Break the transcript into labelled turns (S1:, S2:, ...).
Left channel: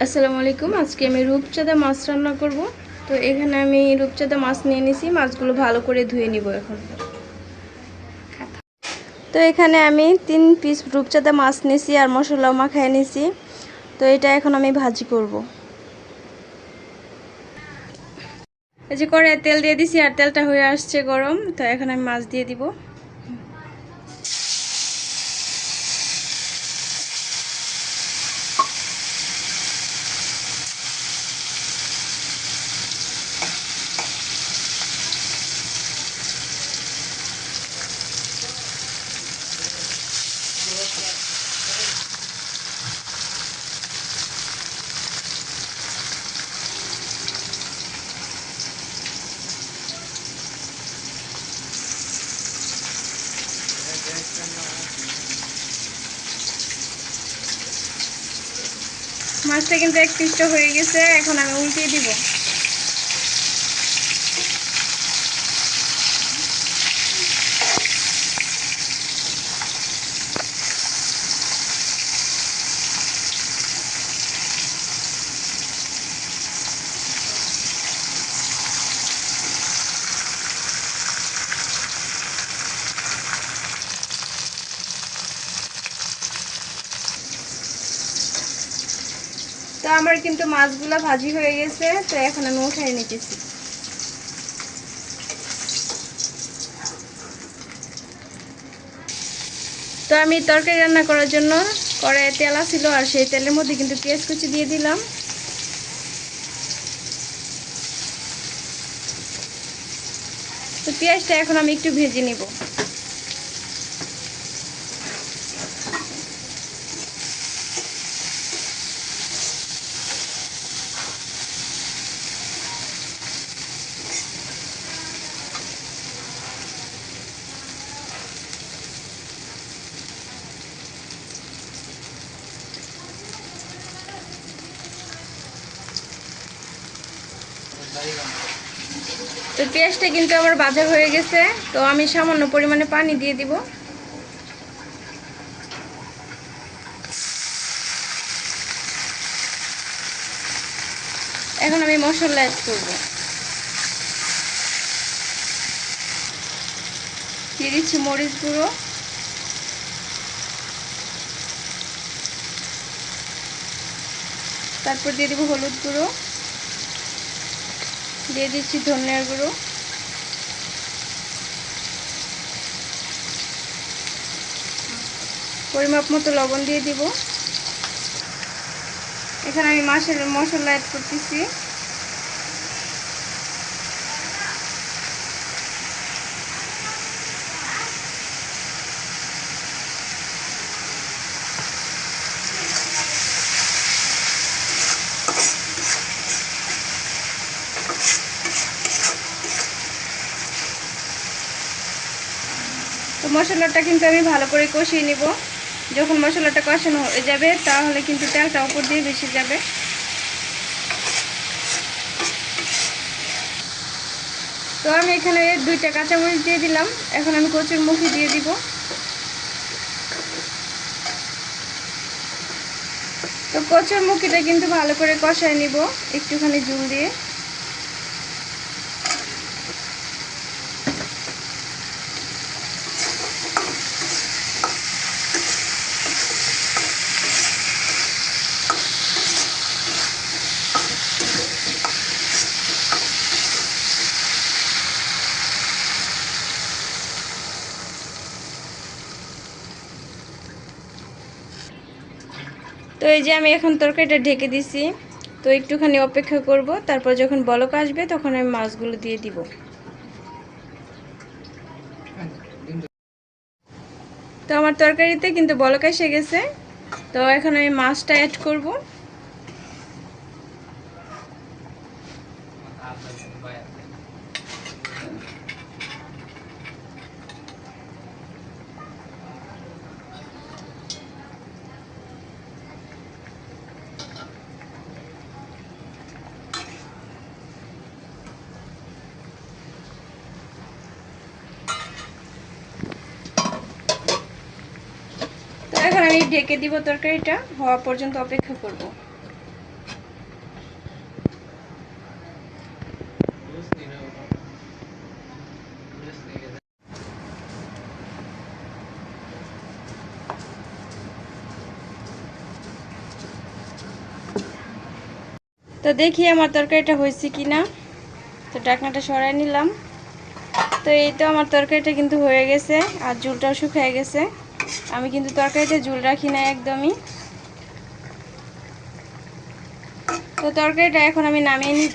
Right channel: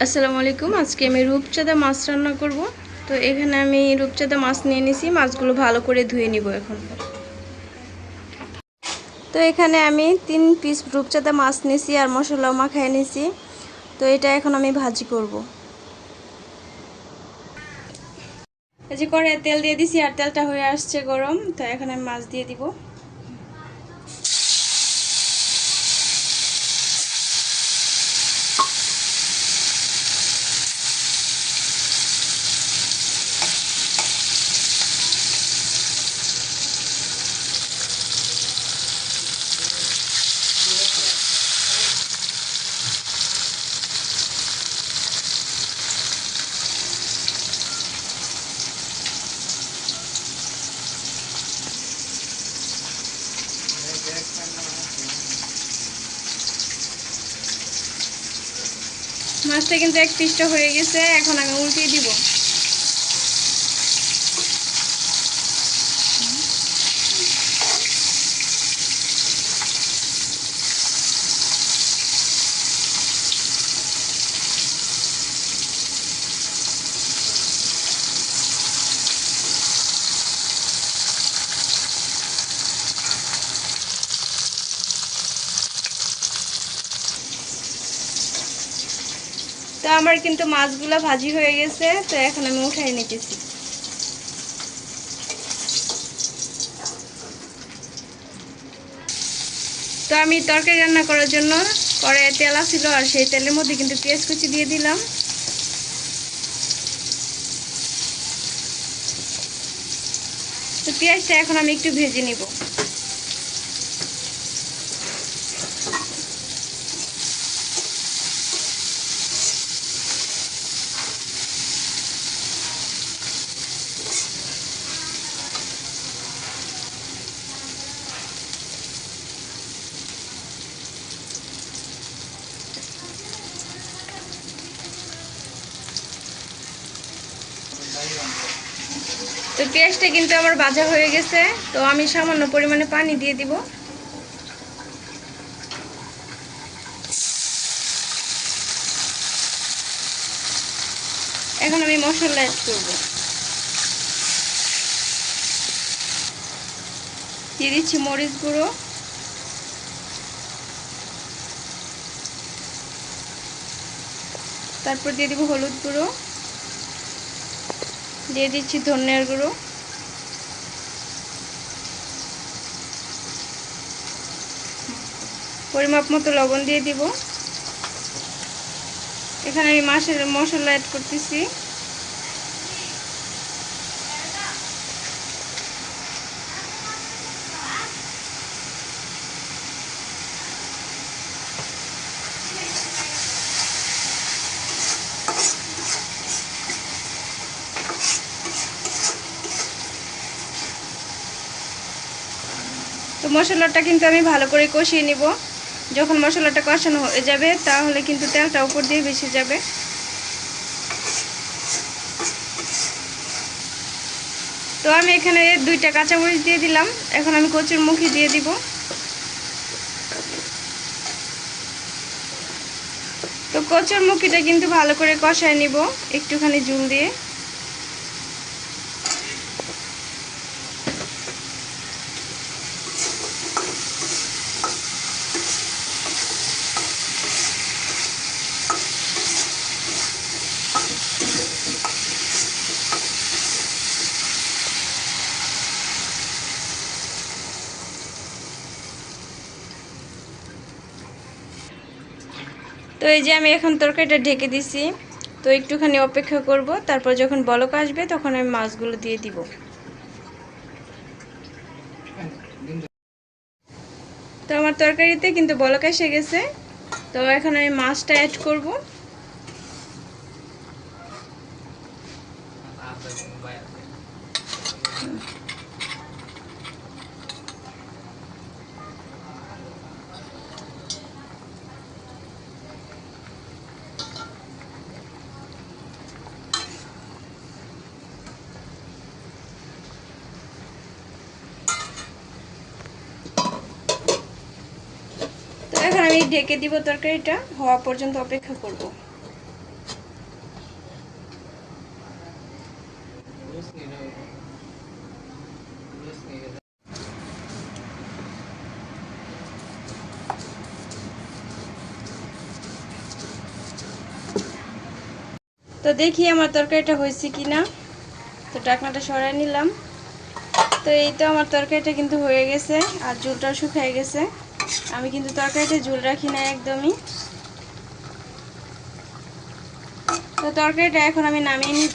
S1: আসসালামু আলাইকুম। আজকে আমি রূপচাঁদা মাছ রান্না করব। তো এখানে আমি রূপচাঁদা মাছ নিয়ে নিছি। মাছগুলো ভালো করে ধুয়ে নিব এখন। তো এখানে আমি তিন পিস রূপচাঁদা মাছ নিছি আর মশলাও মাখায় নিছি। তো এটা এখন আমি ভাজি করব। এই যে কড়াই তেল দিয়ে দিছি আর তেলটা হয়ে আসছে গরম। তো এখন আমি মাছ দিয়ে দিব। মাছটা কিন্তু এক হয়ে গেছে এখন আমি উল্টিয়ে দিব। তো আমার কিন্তু মাছগুলো ভাজি হয়ে গেছে, তো এখন আমি উঠাই নিতেছি। তো আমি তরকারি রান্না করার জন্য কড়াইয়ে তেল ছিল আর সেই তেলের মধ্যে কিন্তু পেঁয়াজ কুচি দিয়ে দিলাম। তো পেঁয়াজটা এখন আমি একটু ভেজে নিব। তো পেঁয়াজটা কিন্তু আমার ভাজা হয়ে গেছে। তো আমি সামান্য পরিমাণে পানি দিয়ে দিব। এখন আমি মশলা অ্যাড করব। দিয়ে দিচ্ছি মরিচ গুঁড়ো। তারপর দিয়ে দিব হলুদ গুঁড়ো। দিয়ে দিচ্ছি ধনিয়ার গুঁড়ো। পরিমাপ মতো লবণ দিয়ে দিব। এখানে আমি মাছের মশলা অ্যাড করতেছি। মশলাটা কিন্তু আমি ভালো করে কষিয়ে নিব। যখন মশলাটা কষানো হয়ে যাবে, তাহলে কিন্তু তেলটা উপর দিয়ে বেশি যাবে। তো আমি এখানে দুইটা কাঁচামরিচ দিয়ে দিলাম। এখন আমি কচুর মুখি দিয়ে দিব। তো কচুর মুখিটা কিন্তু ভালো করে কষায় নিব, একটুখানি জুল দিয়ে। তো এই যে আমি এখন তরকারিটা ঢেকে দিছি, তো একটুখানি অপেক্ষা করব, তারপর যখন বলক আসবে তখন আমি মাছগুলো দিয়ে দিব। তো আমার তরকারিতে কিন্তু বলক এসে গেছে, তো এখন আমি মাছটা অ্যাড করব। এখন আমি ঢেকে দিব তরকারিটা, হওয়া পর্যন্ত অপেক্ষা করব। তো দেখি আমার তরকারিটা হয়েছে কি না তো ডাকনাটা সরাই নিলাম। তো এই তো আমার তরকারিটা কিন্তু হয়ে গেছে, আর জুলটা শুকিয়ে গেছে। আমি কিন্তু তরকারিতে ঝুল রাখি না একদমই। তো তরকারিটা এখন আমি নামিয়ে নিব।